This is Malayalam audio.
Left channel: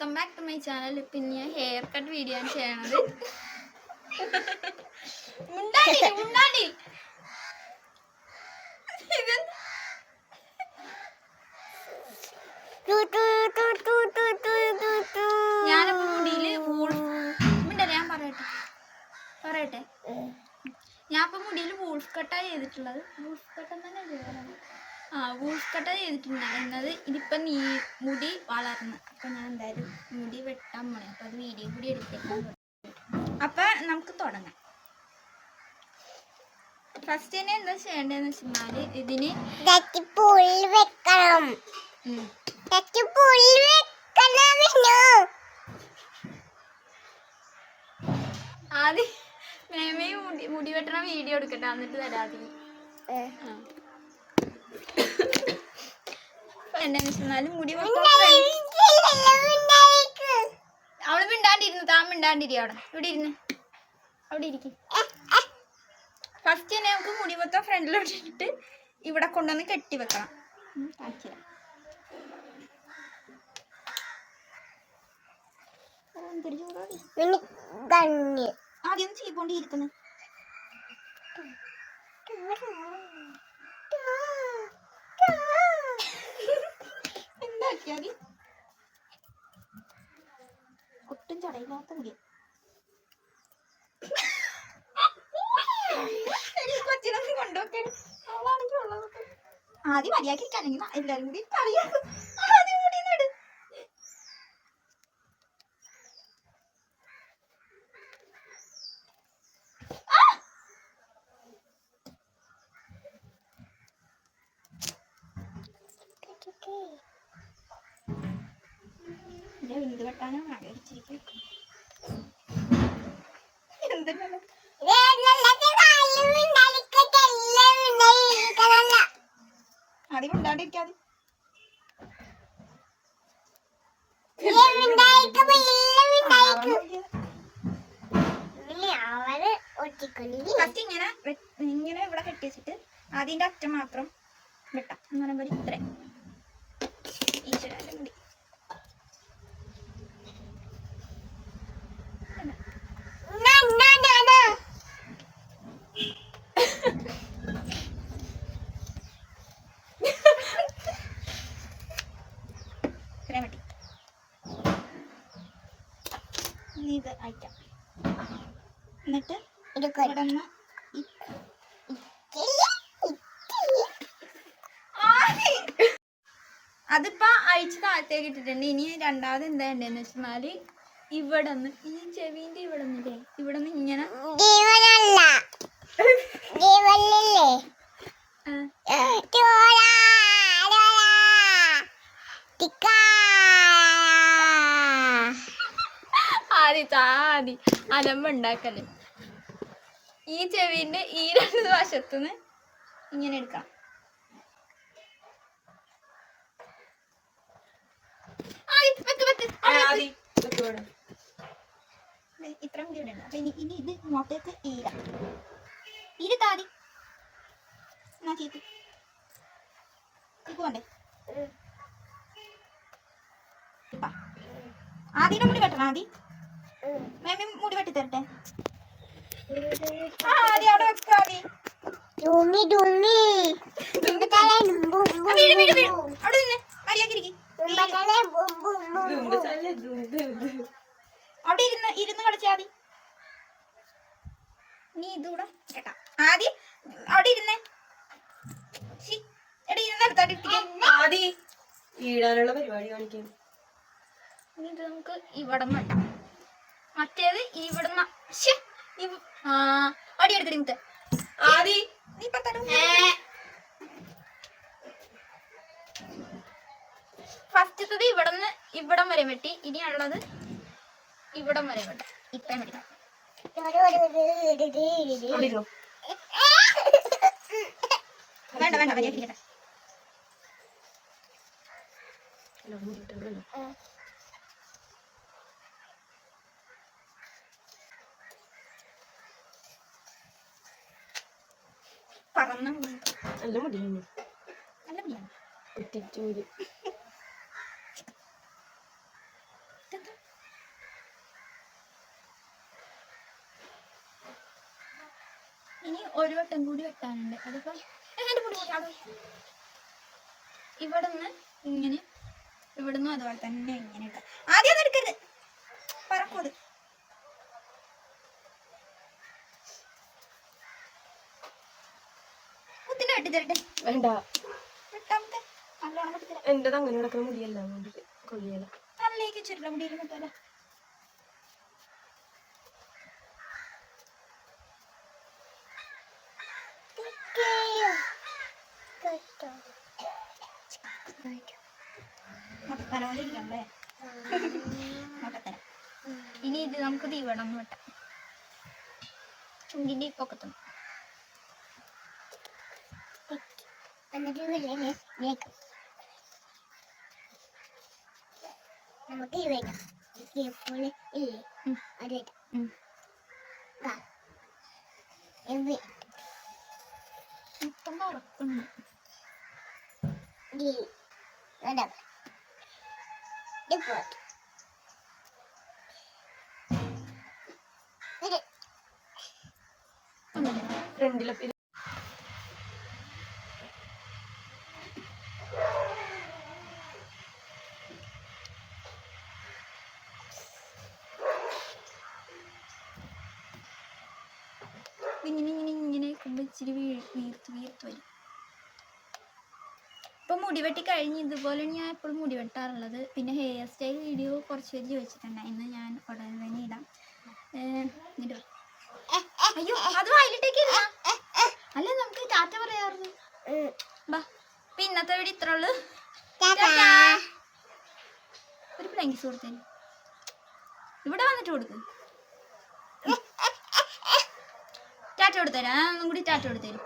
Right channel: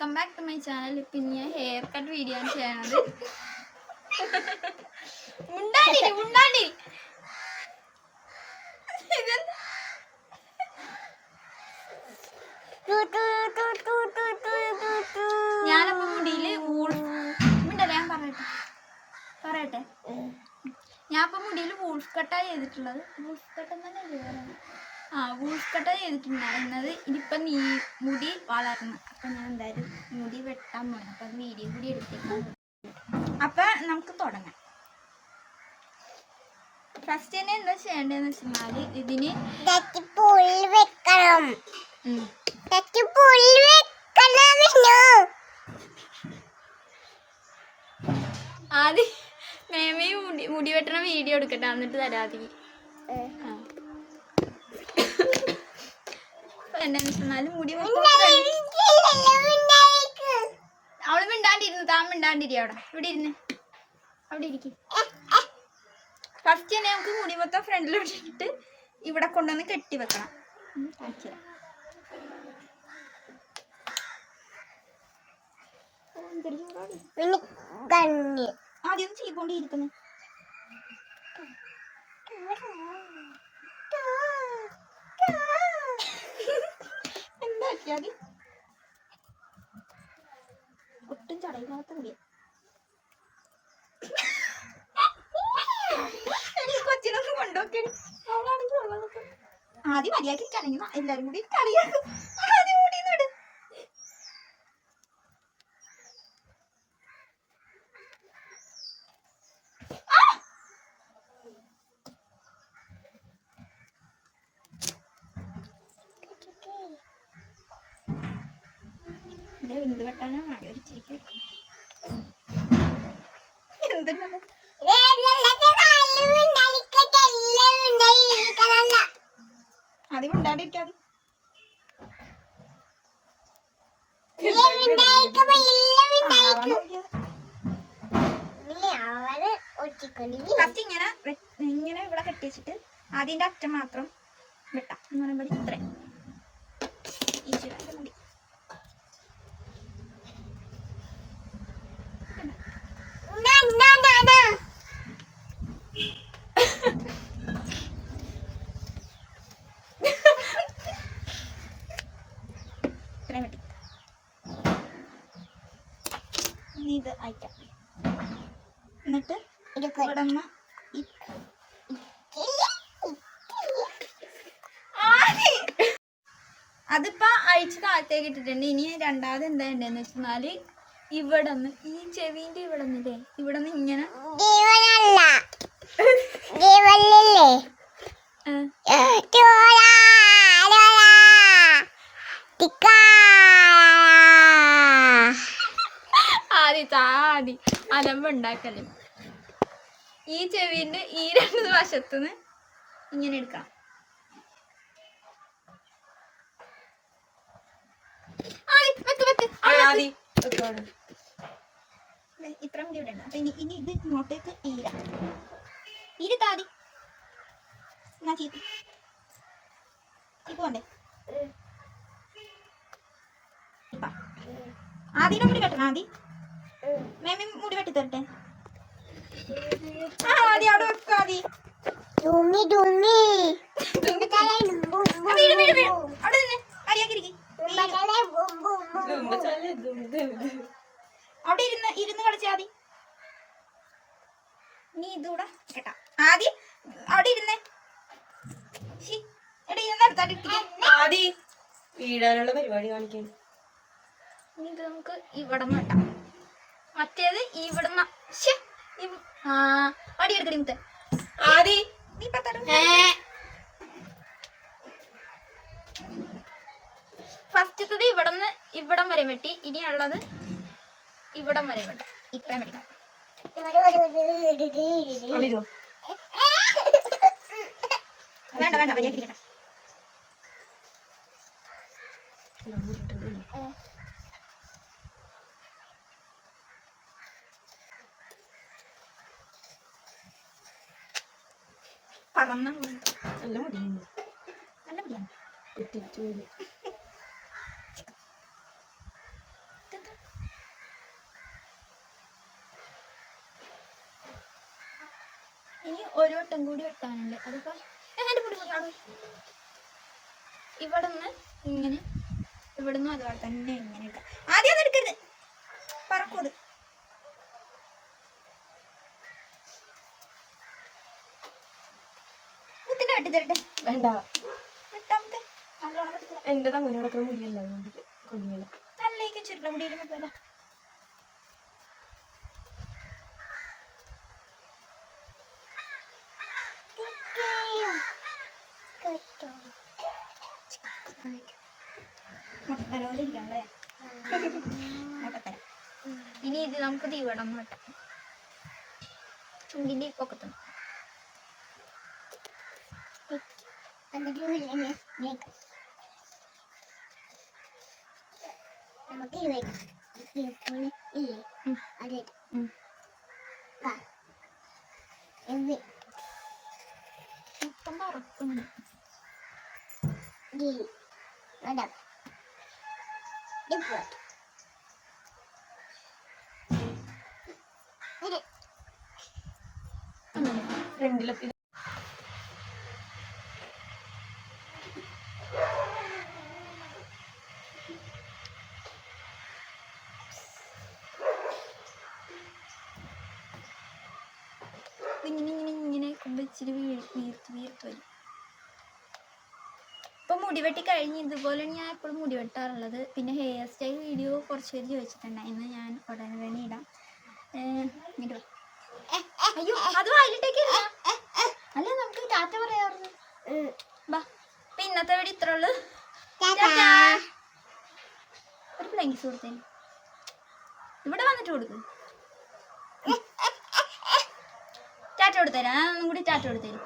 Welcome back to my channel. പിന്നെ ഞാൻ ഹെയർ കട്ട് വീഡിയോ ആണ് ചെയ്യണത്. ഞാനപ്പോ മുടിയില് ഞാൻ പറയട്ടെ ഞാനിപ്പോ മുടിയിൽ വൂൾഫ് കട്ടാണ് ചെയ്തിട്ടുള്ളത്. വൂൾഫ് കട്ട് തന്നെ വൂൾഫ് കട്ടാണ് ചെയ്തിട്ടുണ്ടായിരുന്നത്. ഇതിപ്പം മുടി വളർന്ന് അപ്പം ഞാൻ എന്തായാലും മുടി വെട്ടാൻ പോണേ. അപ്പം അത് വീഡിയോ കൂടി എടുത്തേക്കാൻ. അപ്പം നമുക്ക് തുടങ്ങാം. ഫസ്റ്റ് തന്നെ എന്താ ചെയ്യേണ്ടതെന്ന് വെച്ചാൽ ഇതിന് ആദ്യം മേമയും മുടി വെട്ടണ വീഡിയോ എടുക്കട്ടെ, എന്നിട്ട് തരാതി. എന്താന്ന് മുടി അവള് മിണ്ടാണ്ടിരുന്നു. താൻ മിണ്ടാണ്ടിരി. ഇവിടെ ഇരുന്ന് അവിടെ ഇരിക്കും. ഫസ്റ്റ് തന്നെ നമുക്ക് മുടി മൊത്തം ഫ്രണ്ടിലോട്ട് ഇട്ടിട്ട് ഇവിടെ കൊണ്ടുവന്ന് കെട്ടി വെക്കണം. ആദ്യം ചെയ്തുകൊണ്ടിരിക്കുന്നു. എന്താക്കിയാതി ഒട്ടും ചടയില്ലാത്ത മുടി. കൊച്ചിനൊന്നും കൊണ്ടുപോക്കെ അവളാണെങ്കിൽ ഉള്ളതൊക്കെ ആദ്യം മര്യാദയ്ക്കാണെങ്കിൽ എല്ലാരും കൂടി കളിയാക്കും. ആദ്യം മുടിന്നിട്. എന്ത് വെട്ടാനോ മടിച്ചിരിക്കും. എന്തെങ്കിലും ആദ്യം മിണ്ടാണ്ടിരിക്കാതെ. ഫസ്റ്റ് ഇങ്ങനെ ഇവിടെ കെട്ടി വെച്ചിട്ട് ആദ്യന്റെ അറ്റം മാത്രം വെട്ടാം. എന്ന് പറയുമ്പോൾ ഇത്ര ഈശ്വരന്റെ മുടി ഇത്രയും വെട്ടി. ഇത് അയക്കാം. എന്നിട്ട് ഇവിടെ നിന്ന് അതിപ്പോ അഴിച്ച് താഴത്തേക്ക് ഇട്ടിട്ടുണ്ട്. ഇനി രണ്ടാമത് എന്താ ഉണ്ടെന്ന് വെച്ചാല് ഇവിടെ നിന്ന് ഈ ചെവിന്റെ ഇവിടെ നിന്നില്ലേ, ഇവിടെ നിന്ന് ഇങ്ങനെ ആദ്യ അലമ്പുണ്ടാക്കല്. ഈ ചെവിന്റെ ഈ രണ്ട് വശത്തുനിന്ന് ഇങ്ങനെ എടുക്കാം. ഇത്ര മുടി ഇവിടെ ഉണ്ട്. ഇനി ഇത് ഇങ്ങോട്ടേക്ക് താതി പോണ്ടേ. ആദ്യം മുടി വെട്ടണം. ആദ്യം മേമ മുടി വെട്ടി തരട്ടെ. ആദ്യം അവിടെ വെക്കാതി. അവിടെ നിന്ന് മര്യാദക്കിരിക്കും. അവിടെ ഇരുന്ന് കളിച്ചാ മതി. നീ ഇതൂടെ കേട്ടാ. ആദ്യം അവിടെ ഇരുന്നേ. വീഴാനുള്ള പരിപാടി കാണിക്കാൻ. ഇത് നമുക്ക് ഇവിടെ വെട്ടാം. മറ്റേത് ഇവിടെ അടി എടുക്കടി മുത്തേ. നീ ഫസ്റ്റത്തത് ഇവിടം വരെ വെട്ടി. ഇനിയുള്ളത് ഇവിടം വരെ വെട്ടാം. ഇത്രയും വെട്ടാം. വേണ്ട മര്യാദ. നല്ല മുടിയാണ്. ഒരു വട്ടം കൂടി വെട്ടാനുണ്ട്. അതിപ്പോ എന്റെ മുടി കൊണ്ടാണോ ഇവിടെ നിന്ന് ഇങ്ങനെ, ഇവിടെ നിന്നും അതുപോലെ തന്നെ ഇങ്ങനെ ഇട്ടാ. ആദ്യം ഒന്നും എടുക്കരുത്, പറക്കൂത്. മുത്തിന്റെ വെട്ടി തരട്ടെ? വേണ്ട, വെട്ടാമത്തെ നല്ലോണം വെട്ടി തരാം. എന്റേത് അങ്ങനെ കിടക്കുന്ന മുടിയല്ല, കൊള്ളിയല്ല. തലയിലേക്ക് ചുരുള മുടിയിൽ മുട്ടല്ല. മുട്ടത്തലോണ്ടിരിക്കണല്ലേ? മുട്ടത്തല. ഇനി ഇത് നമുക്ക് തീവടം മാട്ടാം. ചുണ്ടിന്റെ പൊക്കത്തും മൊത്തം പറക്കുന്നുണ്ട്. ഫ്രണ്ടിലൊക്കെ ഇങ്ങനെ ഇങ്ങനെ ഇങ്ങനെ ഇച്ചിരി വീർത്ത് വീർത്ത് വരും. ഇപ്പൊ മുടി വെട്ടി കഴിഞ്ഞ് ഇതുപോലെയാണ് ഞാൻ എപ്പോഴും മുടി വെട്ടാറുള്ളത്. പിന്നെ ഹെയർ സ്റ്റൈൽ വീഡിയോ കുറച്ച് പേര് ചോദിച്ചിട്ടുണ്ടായിരുന്നു, ഞാൻ ഉടനെ തന്നെ ഇടാം. ഇങ്ങോട്ട് വാ. അയ്യോ അത് വായിലിട്ടേക്ക് അല്ല, നമുക്ക് ടാറ്റ പറയാറുണ്ട്. ബാ, ഇപ്പൊ ഇന്നത്തെ വീഡിയോ ഇത്ര ഉള്ളു. ഒരു ബ്ലാങ്കീസ് കൊടുത്തേന്, ഇവിടെ വന്നിട്ട് കൊടുക്ക്. ടാറ്റ കൊടുത്തരാം, ഒന്നും കൂടി ടാറ്റ കൊടുത്തേരും.